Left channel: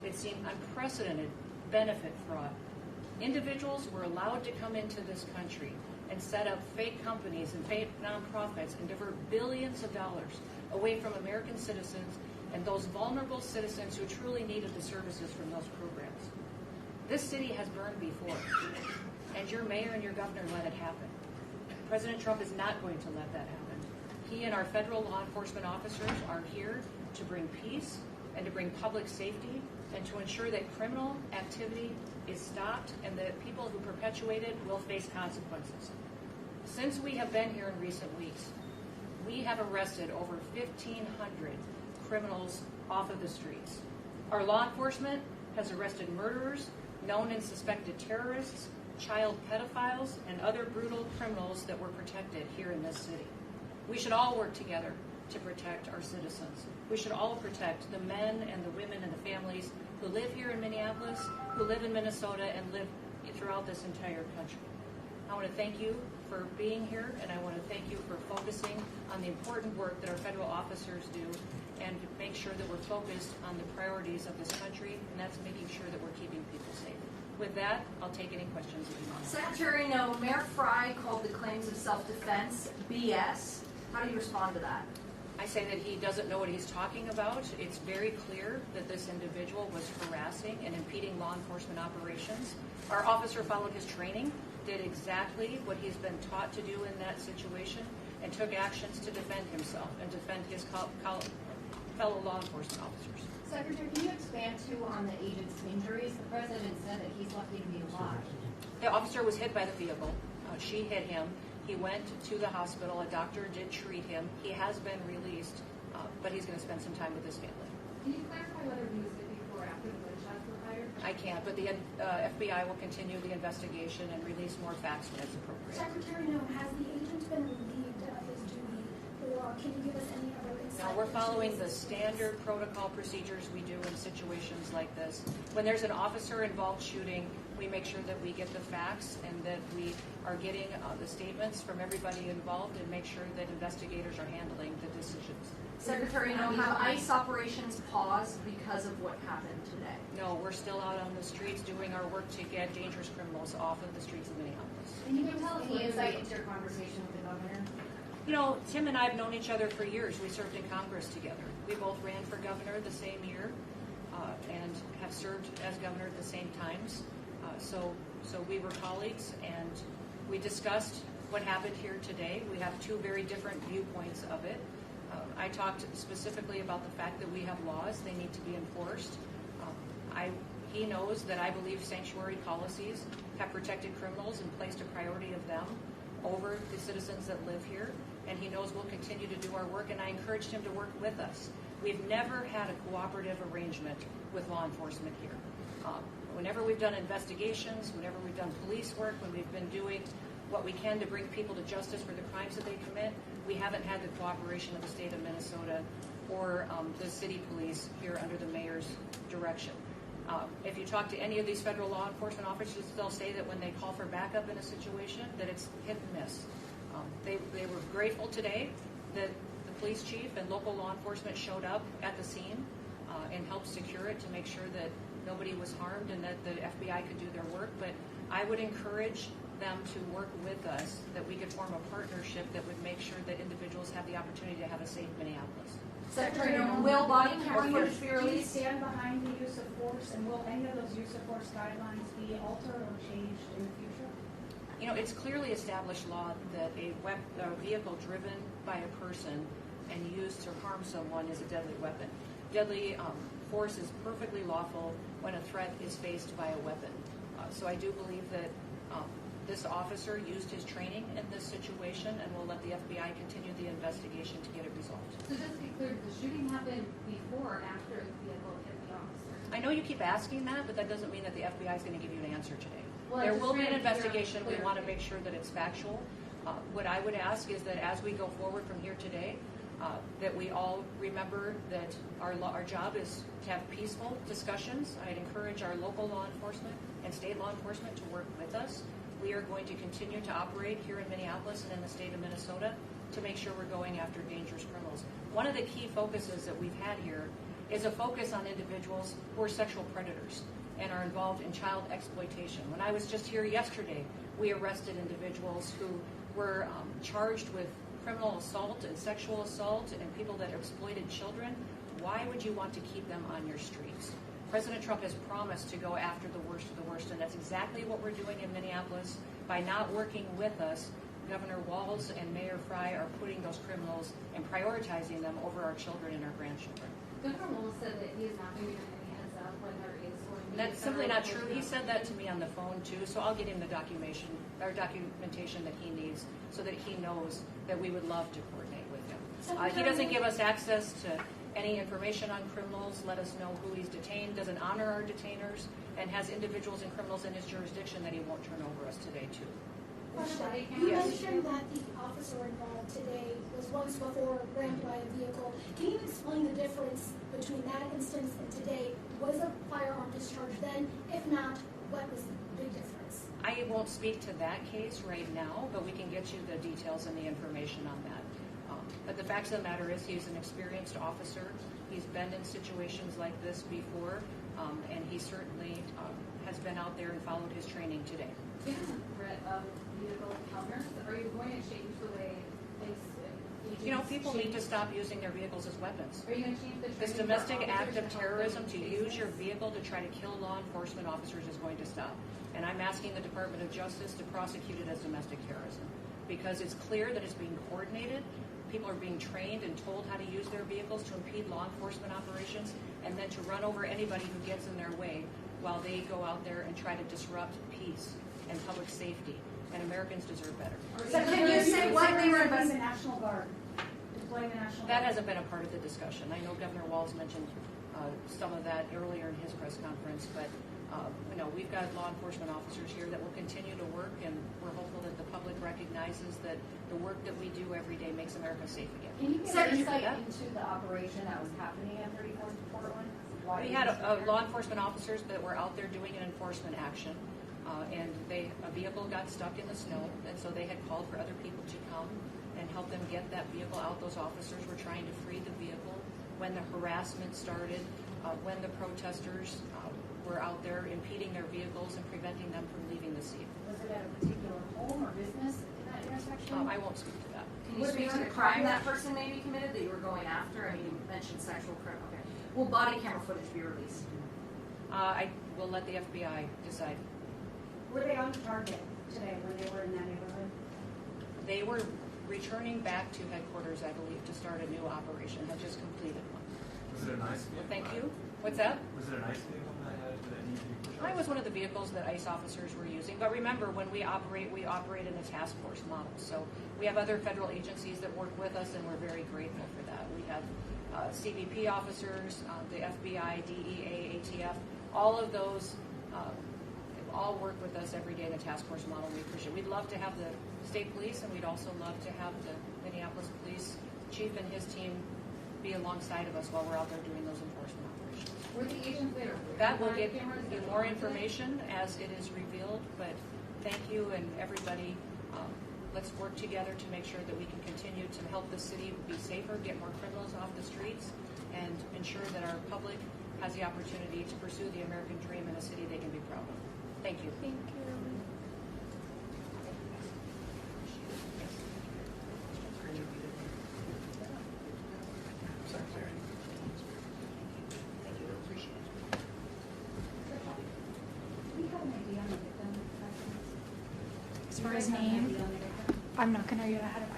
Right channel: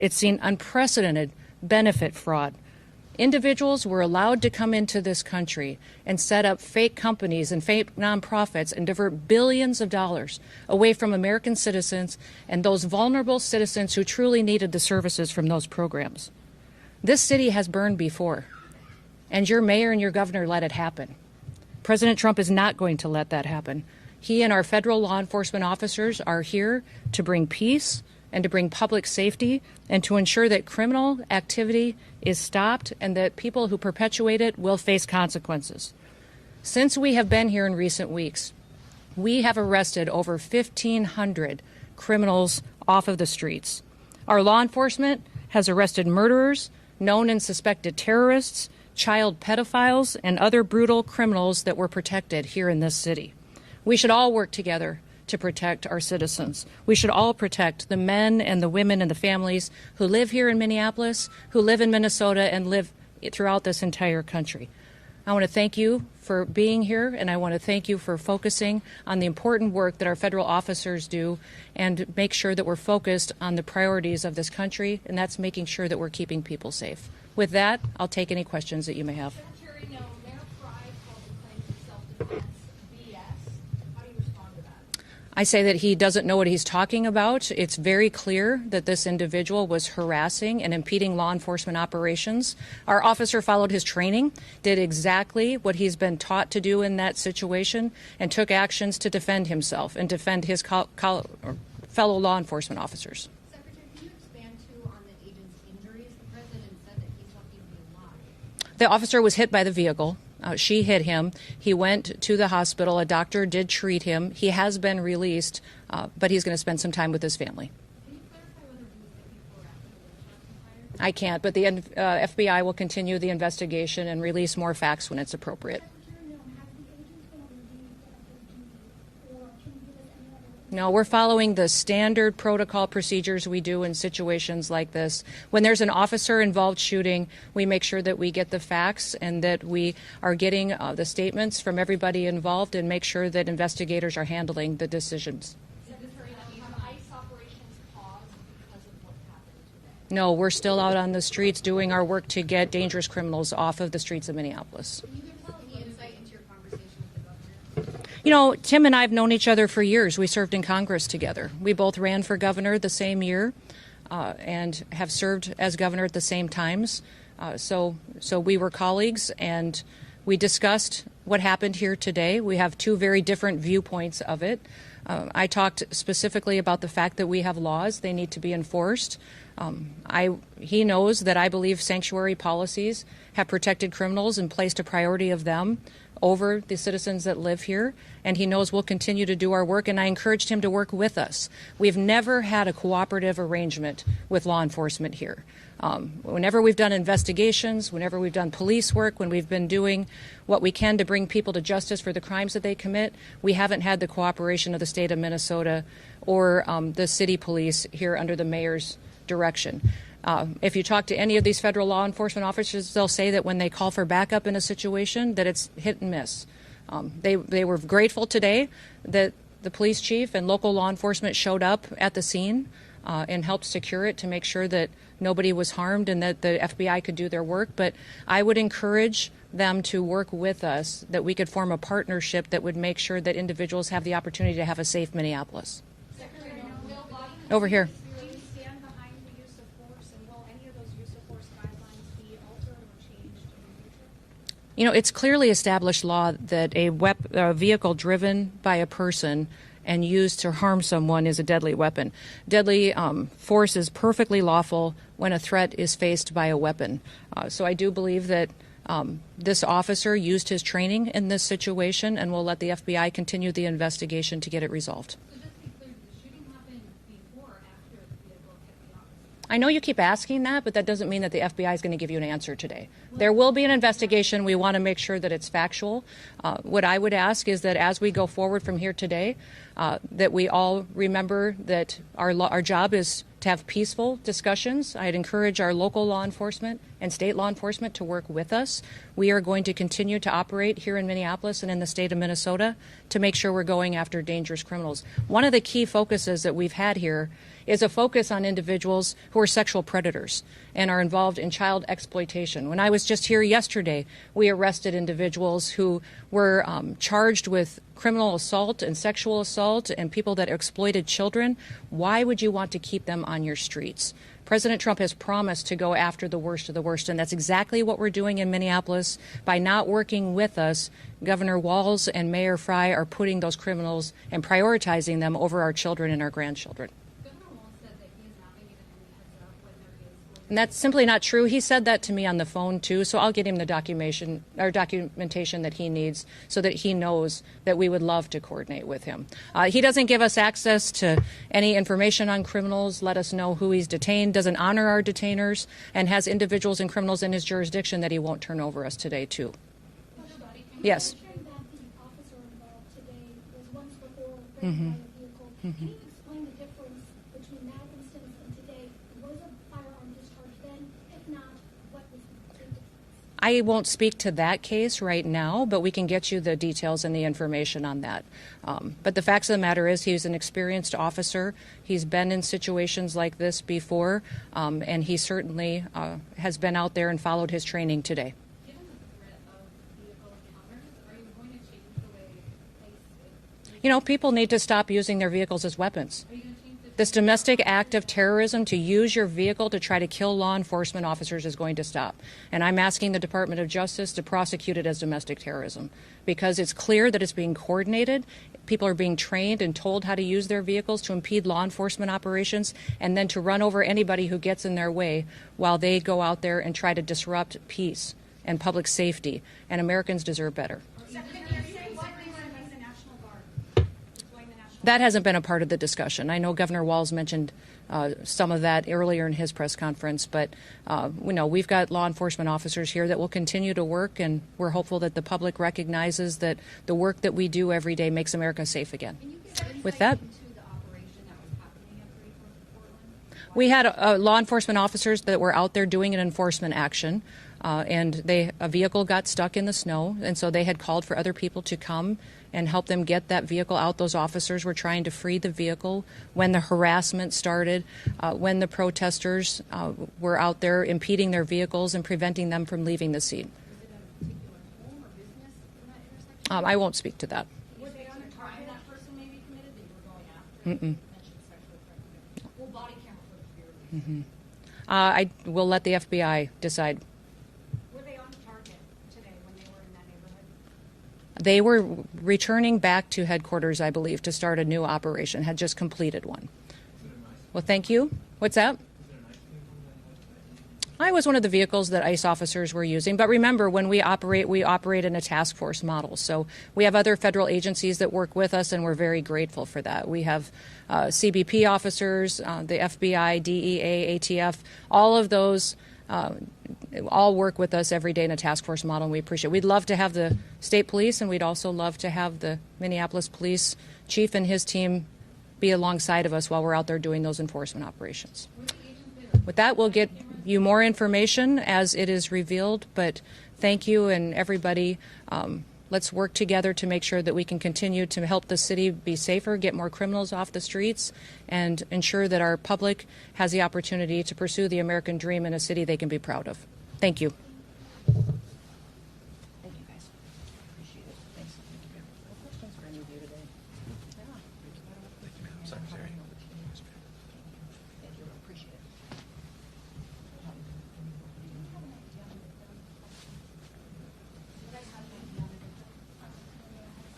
It's seen unprecedented benefit fraud. Individuals were allowed to come into this country and set up fake companies and fake nonprofits and divert billions of dollars away from American citizens and those vulnerable citizens who truly needed the services from those programs. This city has burned before, and your mayor and your governor let it happen. President Trump is not going to let that happen. He and our federal law enforcement officers are here to bring peace and to bring public safety and to ensure that criminal activity is stopped and that people who perpetuate it will face consequences. Since we have been here in recent weeks, we have arrested over 1,500 criminals off of the streets. Our law enforcement has arrested murderers, known and suspected terrorists, child pedophiles, and other brutal criminals that were protected here in this city. We should all work together to protect our citizens. We should all protect the men and the women and the families who live here in Minneapolis, who live in Minnesota, and live throughout this entire country. I want to thank you for being here, and I want to thank you for focusing on the important work that our federal officers do and make sure that we're focused on the priorities of this country, and that's making sure that we're keeping people safe. With that, I'll take any questions that you may have. Secretary Noem, Mayor Frey called the claims of self-defense BS. How do you respond to that? I say that he doesn't know what he's talking about. It's very clear that this individual was harassing and impeding law enforcement operations. Our officer followed his training, did exactly what he's been taught to do in that situation, and took actions to defend himself and defend his fellow law enforcement officers. Secretary, can you expand too on the agent's injuries? The president said that he's lucky to be alive. The officer was hit by the vehicle. She hit him. He went to the hospital. A doctor did treat him. He has been released, but he's going to spend some time with his family. Can you clarify whether he was hit before or after the gunshot was fired? I can't, but the FBI will continue the investigation and release more facts when it's appropriate. Secretary Noem, has the agent been relieved of his duty, or can you give us any other insight? No, we're following the standard protocol procedures we do in situations like this. When there's an officer-involved shooting, we make sure that we get the facts and that we are getting the statements from everybody involved and make sure that investigators are handling the decisions. Secretary Noem, have ICE operations paused because of what happened today? No, we're still out on the streets doing our work to get dangerous criminals off of the streets of Minneapolis. Can you give us any insight into your conversation with the governor? You know, Tim and I have known each other for years. We served in Congress together. We both ran for governor the same year and have served as governor at the same times. So we were colleagues, and we discussed what happened here today. We have two very different viewpoints of it. I talked specifically about the fact that we have laws. They need to be enforced. He knows that I believe sanctuary policies have protected criminals and placed a priority of them over the citizens that live here, and he knows we'll continue to do our work, and I encouraged him to work with us. We've never had a cooperative arrangement with law enforcement here. Whenever we've done investigations, whenever we've done police work, when we've been doing what we can to bring people to justice for the crimes that they commit, we haven't had the cooperation of the state of Minnesota or the city police here under the mayor's direction. If you talk to any of these federal law enforcement officers, they'll say that when they call for backup in a situation, that it's hit and miss. They were grateful today that the police chief and local law enforcement showed up at the scene and helped secure it to make sure that nobody was harmed and that the FBI could do their work. But I would encourage them to work with us, that we could form a partnership that would make sure that individuals have the opportunity to have a safe Minneapolis. Secretary Noem, will body camera Over here. Do you stand behind the use of force, and will any of those use of force guidelines be altered or changed in the future? You know, it's clearly established law that a vehicle driven by a person and used to harm someone is a deadly weapon. Deadly force is perfectly lawful when a threat is faced by a weapon. So I do believe that this officer used his training in this situation, and we'll let the FBI continue the investigation to get it resolved. So just to be clear, did the shooting happen before or after the vehicle hit the officer? I know you keep asking that, but that doesn't mean that the FBI is going to give you an answer today. There will be an investigation. We want to make sure that it's factual. What I would ask is that as we go forward from here today, that we all remember that our job is to have peaceful discussions. I'd encourage our local law enforcement and state law enforcement to work with us. We are going to continue to operate here in Minneapolis and in the state of Minnesota to make sure we're going after dangerous criminals. One of the key focuses that we've had here is a focus on individuals who are sexual predators and are involved in child exploitation. When I was just here yesterday, we arrested individuals who were charged with criminal assault and sexual assault and people that exploited children. Why would you want to keep them on your streets? President Trump has promised to go after the worst of the worst, and that's exactly what we're doing in Minneapolis. By not working with us, Governor Walz and Mayor Frey are putting those criminals and prioritizing them over our children and our grandchildren. Governor Wolf said that he is not giving them any heads up when there is going to And that's simply not true. He said that to me on the phone, too, so I'll get him the documentation that he needs so that he knows that we would love to coordinate with him. He doesn't give us access to any information on criminals, let us know who he's detained, doesn't honor our detainers, and has individuals and criminals in his jurisdiction that he won't turn over us today, too. Yes. You mentioned that the officer involved today was once before raped by a vehicle. Can you explain the difference between that instance and today? Was a firearm discharged then? If not, what was the big difference? I won't speak to that case right now, but we can get you the details and the information on that. But the facts of the matter is he's an experienced officer. He's been in situations like this before, and he certainly has been out there and followed his training today. Given the threat of vehicle encounters, are you going to change the way You know, people need to stop using their vehicles as weapons. are you going to change the This domestic act of terrorism to use your vehicle to try to kill law enforcement officers is going to stop. And I'm asking the Department of Justice to prosecute it as domestic terrorism because it's clear that it's being coordinated. People are being trained and told how to use their vehicles to impede law enforcement operations and then to run over anybody who gets in their way while they go out there and try to disrupt peace and public safety. And Americans deserve better. So can you say what they were The investigating? National Guard. Deploy the National That hasn't been a part of the discussion. I know Governor Walz mentioned some of that earlier in his press conference, but we've got law enforcement officers here that will continue to work, and we're hopeful that the public recognizes that the work that we do every day makes America safe again. Can you get insight With that, into the operation that was happening at 34th Portland? we had law enforcement officers that were out there doing an enforcement action, and a vehicle got stuck in the snow, and so they had called for other people to come and help them get that vehicle out. Those officers were trying to free the vehicle when the harassment started, when the protesters were out there impeding their vehicles and preventing them from leaving the scene. Was it at a particular home or business in that intersection? I won't speak to that. Can you speak to the crime that person may be committed that you were going after? And you mentioned sexual crime. Okay. Will body camera footage be released? I will let the FBI decide. Were they on target today when they were in that neighborhood? They were returning back to headquarters, I believe, to start a new operation, had just completed one. Was it a nice? Well, thank you. What's that? Was it a nice vehicle that needed to be pushed? I was one of the vehicles that ICE officers were using. But remember, when we operate in a task force model. So we have other federal agencies that work with us, and we're very grateful for that. We have CBP officers, the FBI, DEA, ATF, all of those all work with us every day in a task force model, and we appreciate it. We'd love to have the state police, and we'd also love to have the Minneapolis police chief and his team be alongside of us while we're out there doing those enforcement operations. Were the agents later? With that, we'll get you more information as it is revealed, but thank you and everybody. Let's work together to make sure that we can continue to help the city be safer, get more criminals off the streets, and ensure that our public has the opportunity to pursue the American dream in a city they can be proud of. Thank you. As far as name, I'm not gonna get ahead of